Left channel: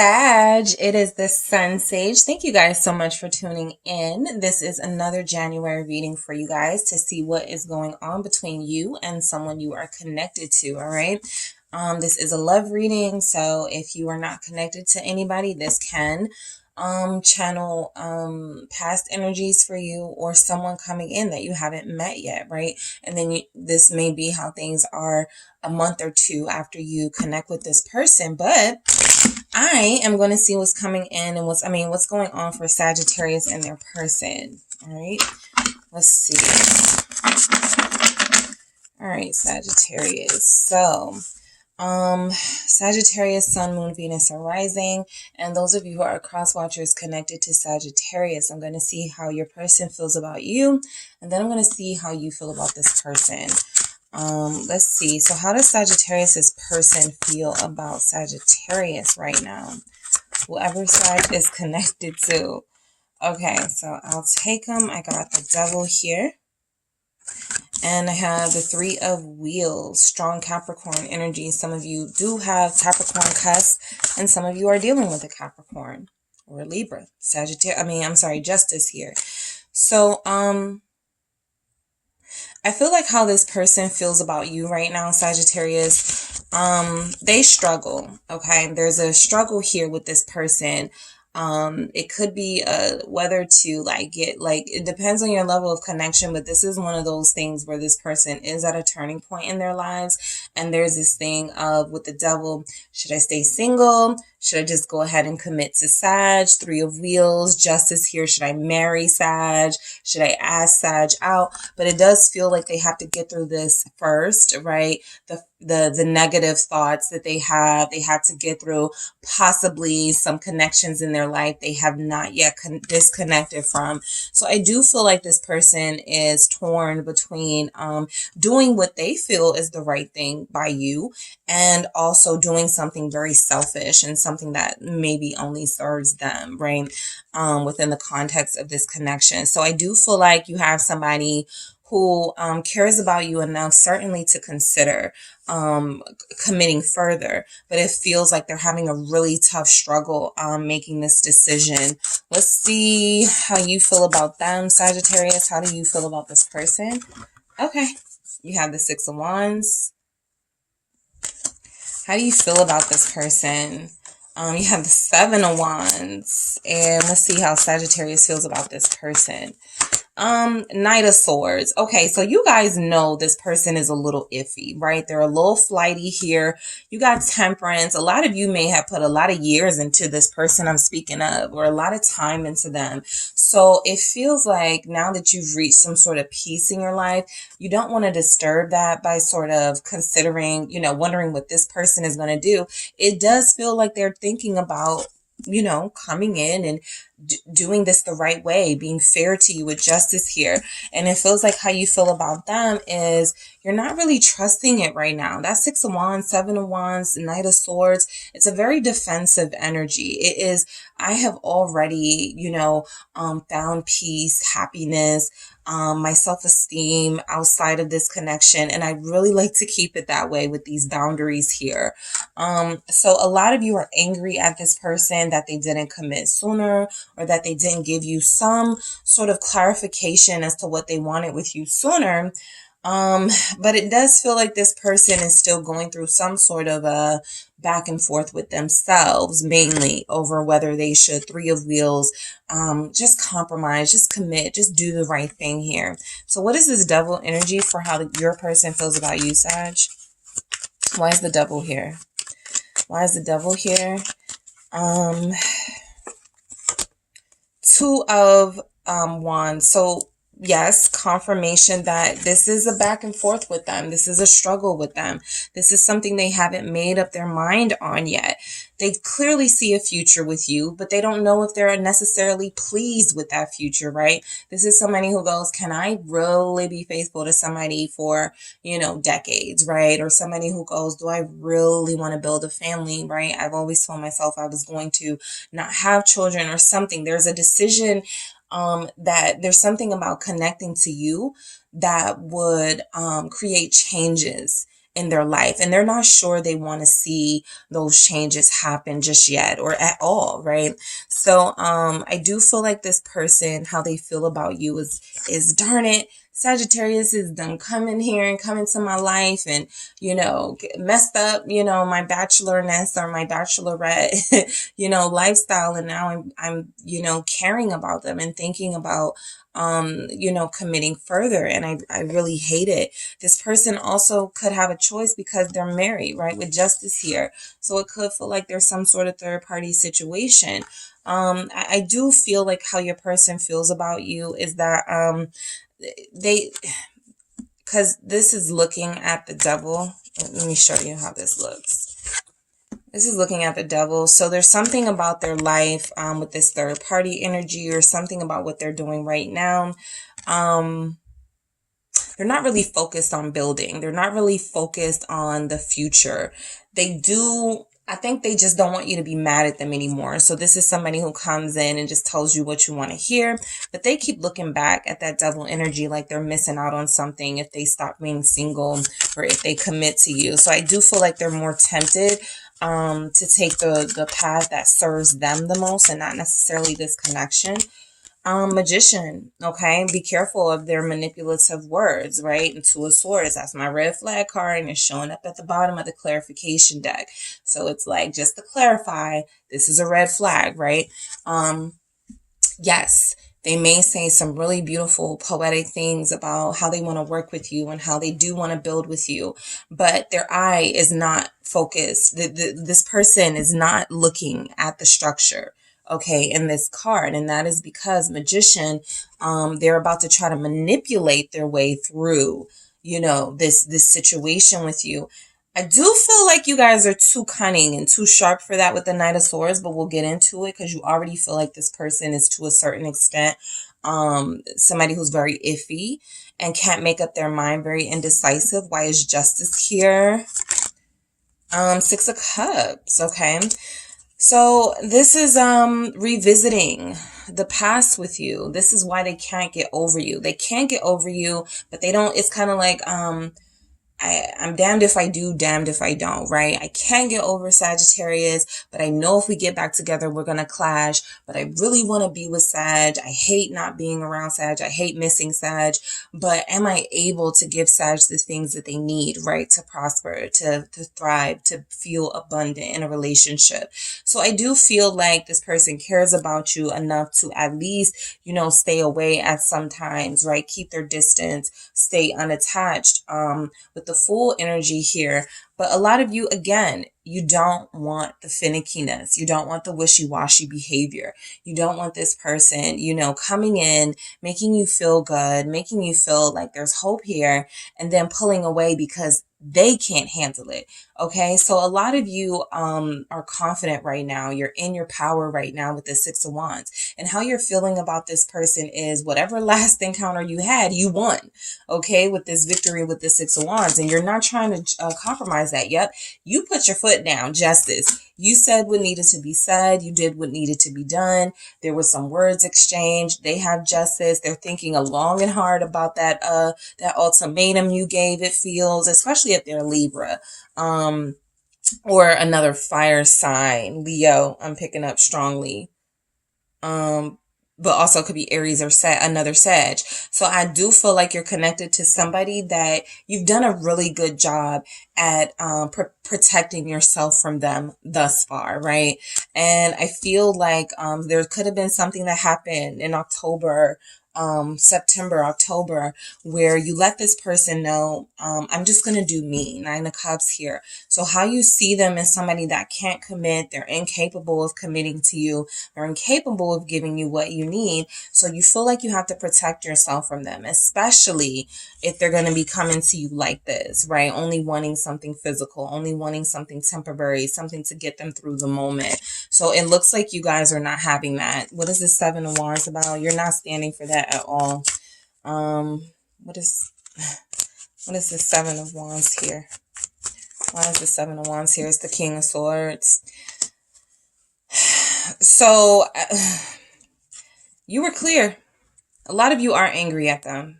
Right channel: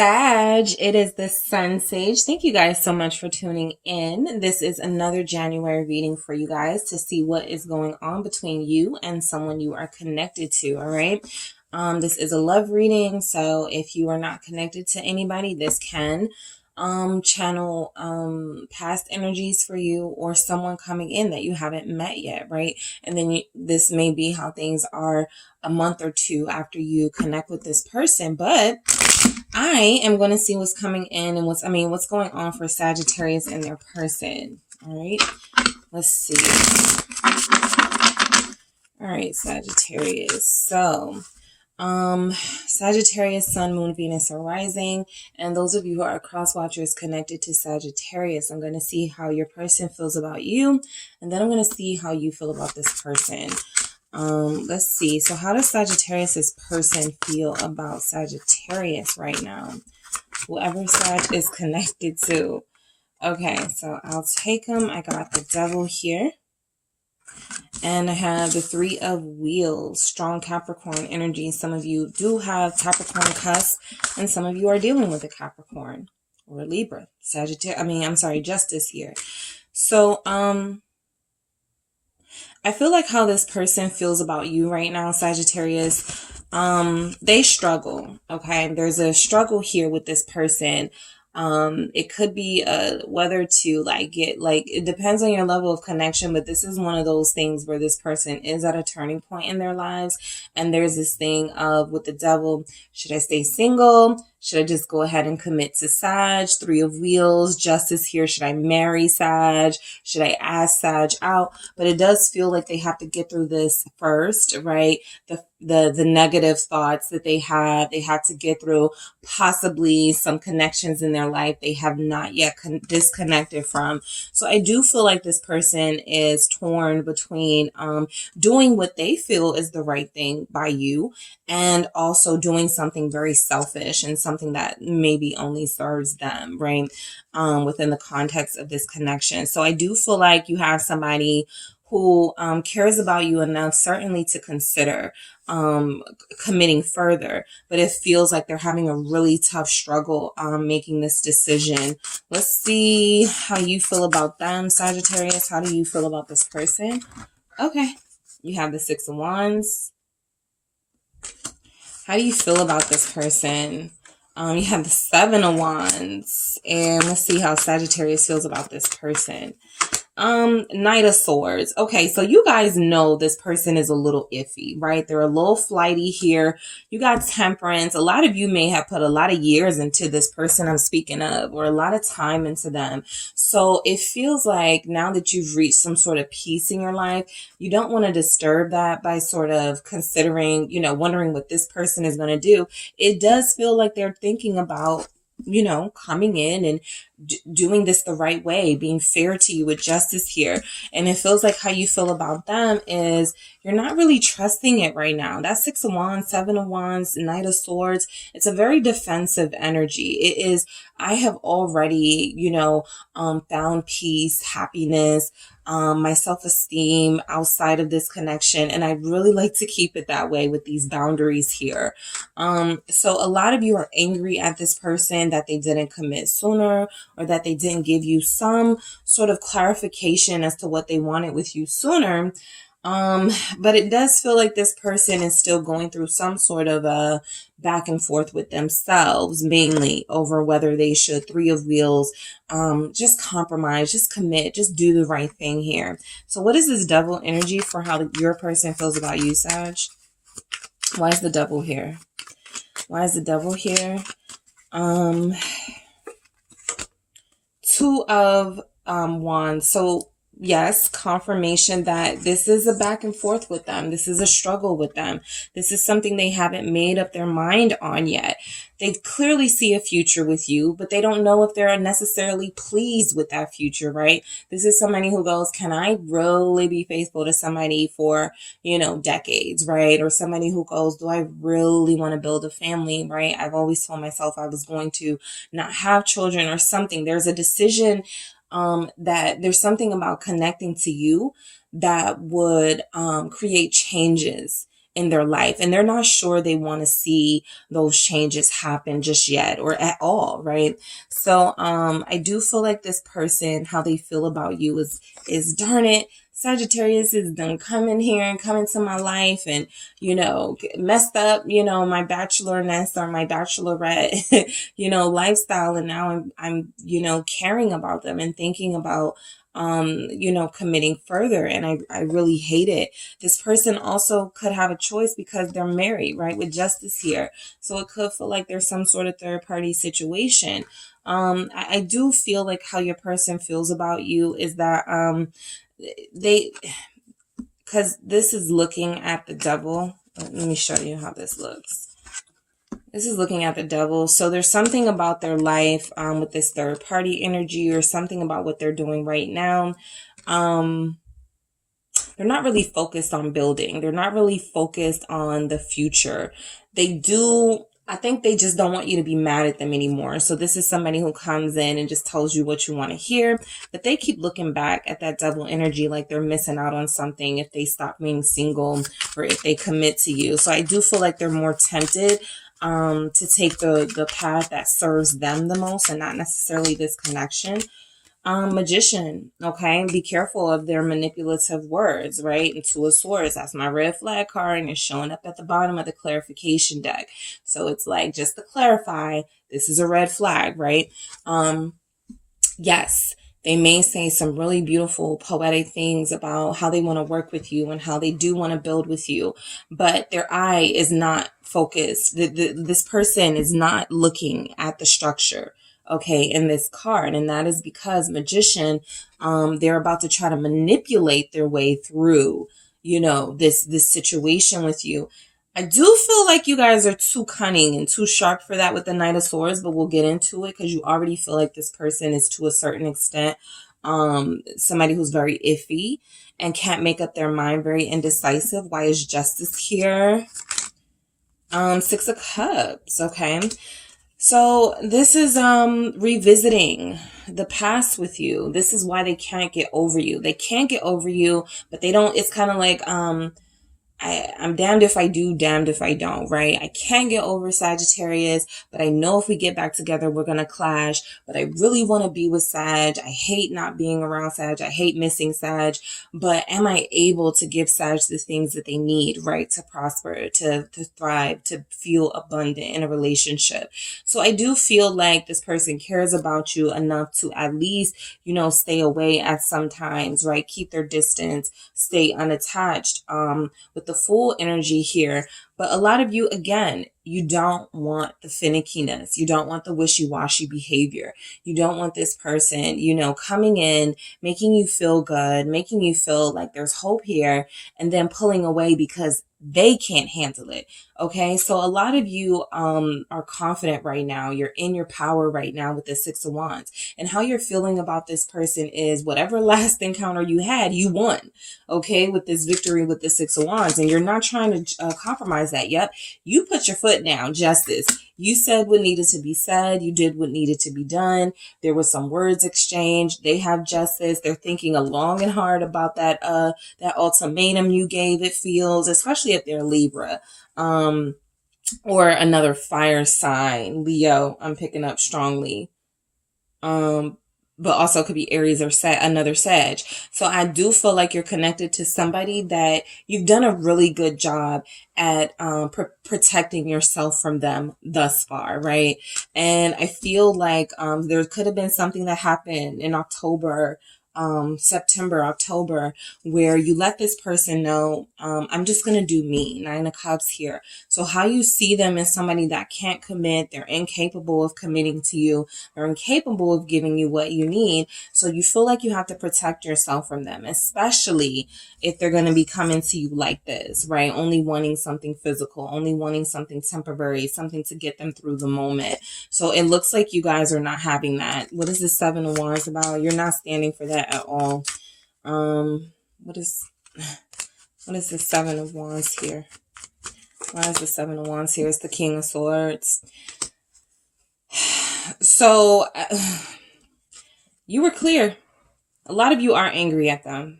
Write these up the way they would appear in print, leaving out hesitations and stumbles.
Sag, it is the SunSage. Thank you guys so much for tuning in. This is another January reading for you guys to see what is going on between you and someone you are connected to, all right? This is a love reading, so if you are not connected to anybody, this can channel past energies for you or someone coming in that you haven't met yet, right? And then this may be how things are a month or two after you connect with this person, but I am going to see what's coming in and what's going on for Sagittarius and their person. All right, let's see. All right, Sagittarius. So, Sagittarius, Sun, Moon, Venus are rising. And those of you who are cross watchers connected to Sagittarius, I'm going to see how your person feels about you. And then I'm going to see how you feel about this person. Let's see. So how does Sagittarius's person feel about Sagittarius right now? Whoever Sag is connected to. Okay, so I'll take them. I got the Devil here. And I have the Three of Wheels, strong Capricorn energy. Some of you do have Capricorn cusp, and some of you are dealing with a Capricorn or a Libra. Justice here. So, I feel like how this person feels about you right now, Sagittarius, they struggle, okay? There's a struggle here with this person. It could be whether to it depends on your level of connection, but this is one of those things where this person is at a turning point in their lives. And there's this thing of with the Devil, should I stay single? Should I just go ahead and commit to Sag? Three of Wheels, Justice here. Should I marry Sag? Should I ask Sag out? But it does feel like they have to get through this first, right? The negative thoughts that they have to get through, possibly some connections in their life they have not yet disconnected from. So I do feel like this person is torn between doing what they feel is the right thing by you and also doing something very selfish and something that maybe only serves them, right? Within the context of this connection. So I do feel like you have somebody who cares about you enough, certainly to consider committing further, but it feels like they're having a really tough struggle making this decision. Let's see how you feel about them, Sagittarius. How do you feel about this person? Okay, you have the Six of Wands. How do you feel about this person? You have the Seven of Wands, and let's see how Sagittarius feels about this person. Knight of Swords. Okay, so you guys know this person is a little iffy, right? They're a little flighty here. You got Temperance. A lot of you may have put a lot of years into this person I'm speaking of, or a lot of time into them. So it feels like now that you've reached some sort of peace in your life, you don't want to disturb that by sort of considering, wondering what this person is going to do. It does feel like they're thinking about, coming in and doing this the right way, being fair to you with justice here. And it feels like how you feel about them is you're not really trusting it right now. That Six of Wands, Seven of Wands, Knight of Swords, it's a very defensive energy. It is, I have already, found peace, happiness, my self-esteem outside of this connection. And I'd really like to keep it that way with these boundaries here. So a lot of you are angry at this person that they didn't commit sooner, or that they didn't give you some sort of clarification as to what they wanted with you sooner. But it does feel like this person is still going through some sort of a back and forth with themselves, mainly over whether they should, Three of Wheels, just compromise, just commit, just do the right thing here. So what is this Devil energy for how your person feels about you, Sag? Why is the Devil here? Why is the Devil here? Two of Wands. So yes, confirmation that this is a back and forth with them. This is a struggle with them. This is something they haven't made up their mind on yet. They clearly see a future with you, but they don't know if they're necessarily pleased with that future, right? This is somebody who goes, can I really be faithful to somebody for, decades, right? Or somebody who goes, do I really want to build a family, right? I've always told myself I was going to not have children or something. There's a decision that there's something about connecting to you that would create changes in their life, and they're not sure they want to see those changes happen just yet or at all, right? So I do feel like this person, how they feel about you is darn it, Sagittarius is done coming here and coming to my life and, you know, messed up, you know, my bachelorness or my bachelorette, you know, lifestyle. And now I'm, you know, caring about them and thinking about, you know, committing further. And I really hate it. This person also could have a choice because they're married, right? With justice here. So it could feel like there's some sort of third party situation. I do feel like how your person feels about you is that, because this is looking at the devil. Let me show you how this looks. This is looking at the devil. So there's something about their life with this third party energy, or something about what they're doing right now. They're not really focused on building. They're not really focused on the future. I think they just don't want you to be mad at them anymore. So this is somebody who comes in and just tells you what you want to hear, but they keep looking back at that devil energy like they're missing out on something if they stop being single or if they commit to you. So I do feel like they're more tempted to take the path that serves them the most and not necessarily this connection. Magician, okay? Be careful of their manipulative words, right? And Two of Swords, that's my red flag card, and it's showing up at the bottom of the clarification deck. So it's like, just to clarify, this is a red flag, right? Yes, they may say some really beautiful poetic things about how they want to work with you and how they do want to build with you, but their eye is not focused. This person is not looking at the structure, okay, in this card. And that is because Magician, they're about to try to manipulate their way through, you know, this situation with you. I do feel like you guys are too cunning and too sharp for that with the Knight of Swords, but we'll get into it because you already feel like this person is, to a certain extent, somebody who's very iffy and can't make up their mind, very indecisive. Why is Justice here? Six of Cups, okay? So this is revisiting the past with you. This is why they can't get over you. They can't get over you, but they don't, it's kind of like I'm damned if I do, damned if I don't, right? I can't get over Sagittarius, but I know if we get back together, we're going to clash. But I really want to be with Sag. I hate not being around Sag. I hate missing Sag. But am I able to give Sag the things that they need, right? To prosper, to thrive, to feel abundant in a relationship. So I do feel like this person cares about you enough to at least, you know, stay away at some times, right? Keep their distance, stay unattached, with the Fool energy here. But a lot of you, again, you don't want the finickiness. You don't want the wishy-washy behavior. You don't want this person, you know, coming in, making you feel good, making you feel like there's hope here, and then pulling away because they can't handle it. Okay, so a lot of you are confident right now. You're in your power right now with the Six of Wands. And how you're feeling about this person is whatever last encounter you had, you won. Okay, with this victory with the Six of Wands. And you're not trying to compromise that. Yep, you put your foot down, Justice. You said what needed to be said. You did what needed to be done. There was some words exchanged. They have justice. They're thinking long and hard about that ultimatum you gave, it feels, especially if they're Libra. Or another fire sign, Leo, I'm picking up strongly. But also could be Aries or another Sag. So I do feel like you're connected to somebody that you've done a really good job at protecting yourself from them thus far, right? And I feel like there could have been something that happened in October, September, October, where you let this person know, I'm just going to do me. Nine of Cups here. So how you see them as somebody that can't commit, they're incapable of committing to you, they're incapable of giving you what you need. So you feel like you have to protect yourself from them, especially if they're going to be coming to you like this, right? Only wanting something physical, only wanting something temporary, something to get them through the moment. So it looks like you guys are not having that. What is the Seven of Wands about? You're not standing for that at all. What is the Seven of Wands here? Why is the Seven of Wands here? It's the King of Swords. So you were clear. A lot of you are angry at them.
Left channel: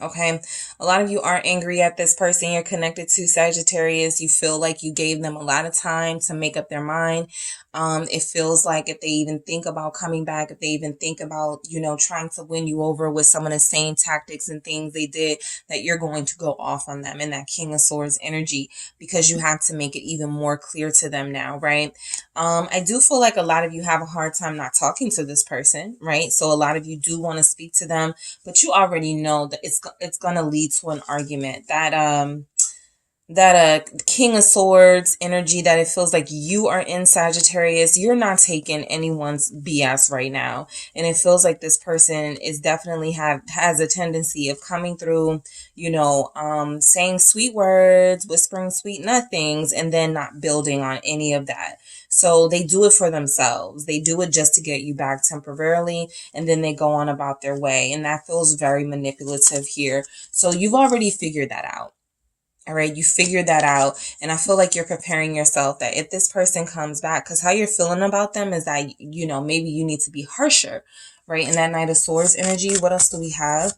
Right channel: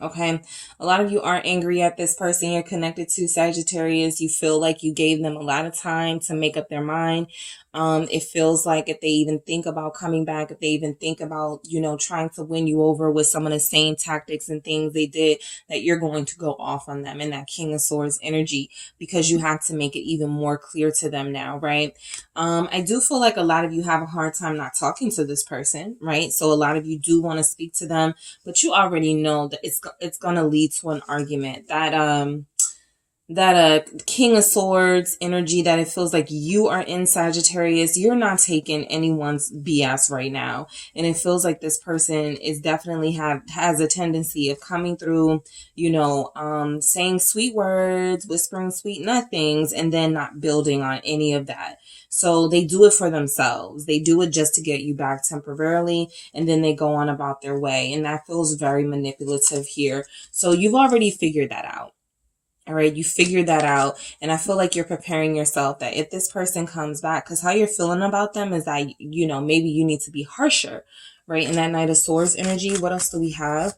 Okay. A lot of you are angry at this person you're connected to, Sagittarius. You feel like you gave them a lot of time to make up their mind. It feels like if they even think about coming back, if they even think about, you know, trying to win you over with some of the same tactics and things they did, that you're going to go off on them in that King of Swords energy, because you have to make it even more clear to them now, right? I do feel like a lot of you have a hard time not talking to this person, right? So a lot of you do want to speak to them, but you already know that it's going to lead to an argument. That King of Swords energy, that it feels like you are in, Sagittarius, you're not taking anyone's BS right now. And it feels like this person is definitely has a tendency of coming through, you know, saying sweet words, whispering sweet nothings, and then not building on any of that. So they do it for themselves. They do it just to get you back temporarily, and then they go on about their way. And that feels very manipulative here. So you've already figured that out. All right, you figured that out. And I feel like you're preparing yourself that if this person comes back, because how you're feeling about them is that, you know, maybe you need to be harsher, right? In that Knight of Swords energy, what else do we have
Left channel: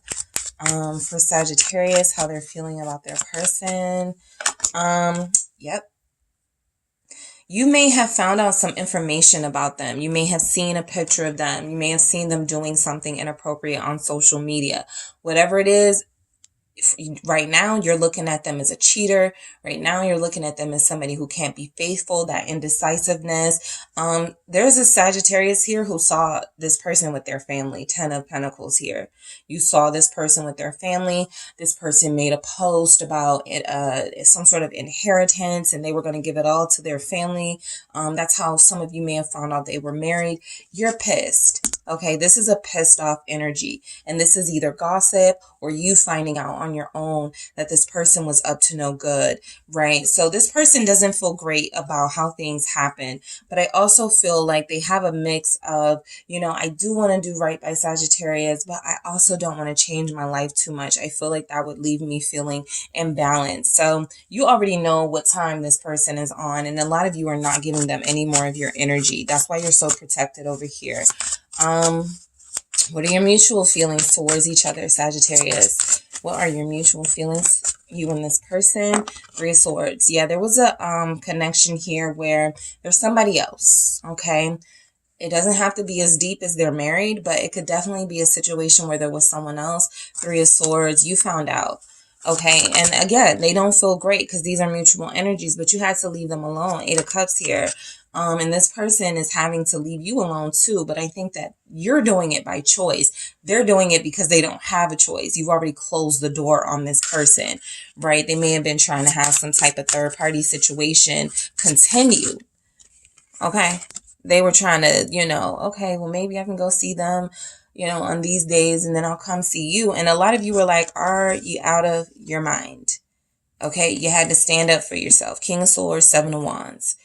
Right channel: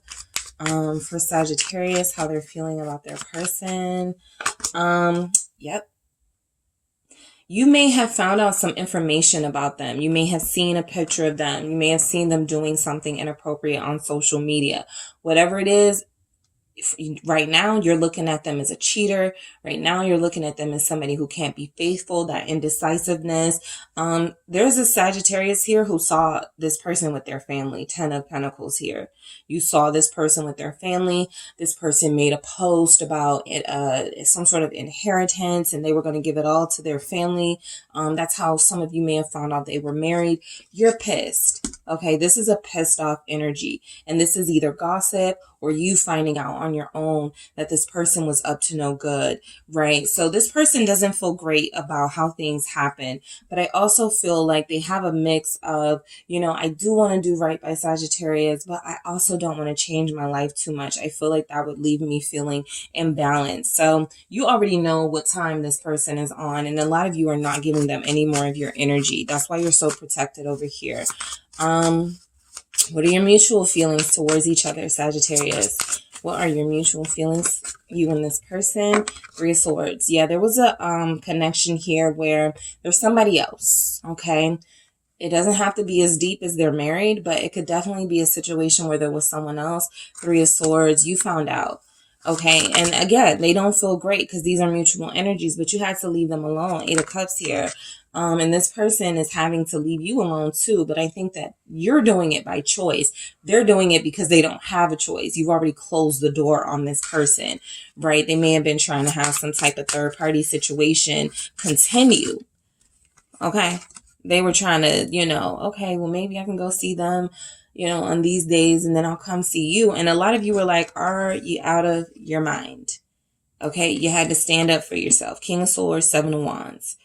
for Sagittarius, how they're feeling about their person? Yep. You may have found out some information about them. You may have seen a picture of them. You may have seen them doing something inappropriate on social media. Whatever it is, right now you're looking at them as a cheater. Right now you're looking at them as somebody who can't be faithful, that indecisiveness. There's a Sagittarius here who saw this person with their family. 10 of Pentacles here. You saw this person with their family. This person made a post about it, some sort of inheritance, and they were going to give it all to their family. That's how some of you may have found out they were married. You're pissed. Okay, this is a pissed off energy, and this is either gossip or you finding out on your own that this person was up to no good, right? So this person doesn't feel great about how things happen, but I also feel like they have a mix of, you know, I do want to do right by Sagittarius, but I also don't want to change my life too much. I feel like that would leave me feeling imbalanced. So you already know what time this person is on, and a lot of you are not giving them any more of your energy. That's why you're so protected over here. What are your mutual feelings towards each other, Sagittarius? What are your mutual feelings, you and this person? 3 of Swords. Yeah, there was a connection here where there's somebody else, okay? It doesn't have to be as deep as they're married, but it could definitely be a situation where there was someone else. 3 of Swords, you found out. Okay, and again, they don't feel great because these are mutual energies, but you had to leave them alone. 8 of Cups here. And this person is having to leave you alone too, but I think that you're doing it by choice. They're doing it because they don't have a choice. You've already closed the door on this person, right? They may have been trying to have some type of third-party situation continue, okay? They were trying to, you know, okay, well, maybe I can go see them, you know, on these days, and then I'll come see you. And a lot of you were like, are you out of your mind? Okay, you had to stand up for yourself. King of Swords, 7 of Wands.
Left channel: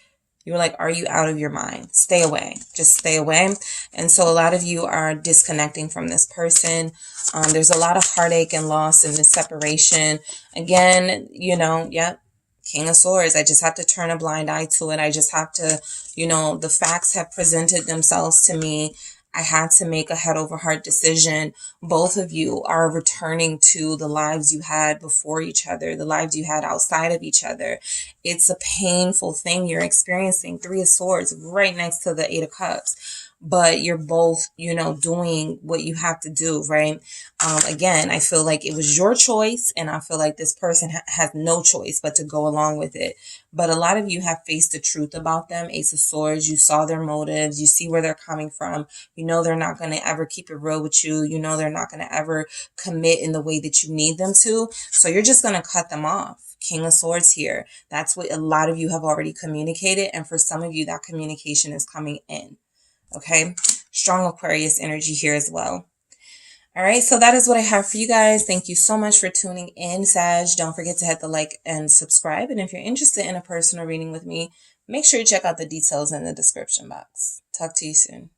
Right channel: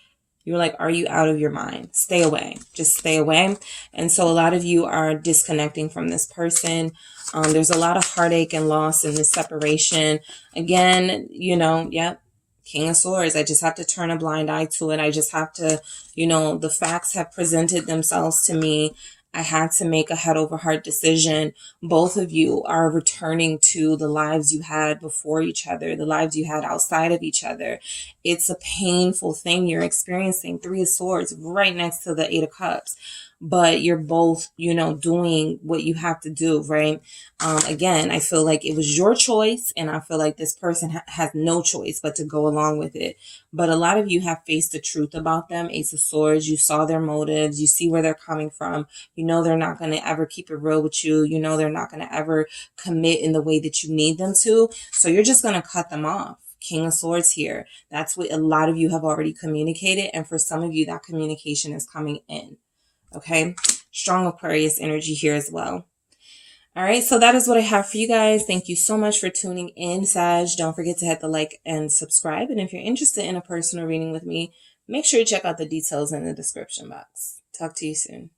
You were like, are you out of your mind? Stay away. Just stay away. And so a lot of you are disconnecting from this person. There's a lot of heartache and loss in this separation. Again, you know, yep. King of Swords. I just have to turn a blind eye to it. I just have to, you know, the facts have presented themselves to me. I had to make a head over heart decision. Both of you are returning to the lives you had before each other, the lives you had outside of each other. It's a painful thing you're experiencing. 3 of Swords right next to the 8 of Cups. But you're both, you know, doing what you have to do, right? Again, I feel like it was your choice, and I feel like this person has no choice but to go along with it. But a lot of you have faced the truth about them. Ace of Swords, you saw their motives, you see where they're coming from. You know they're not going to ever keep it real with you. You know they're not going to ever commit in the way that you need them to. So you're just going to cut them off. King of Swords here. That's what a lot of you have already communicated. And for some of you, that communication is coming in. Okay, strong Aquarius energy here as well. All right, so that is what I have for you guys. Thank you so much for tuning in, Sag. Don't forget to hit the like and subscribe. And if you're interested in a personal reading with me, make sure you check out the details in the description box. Talk to you soon.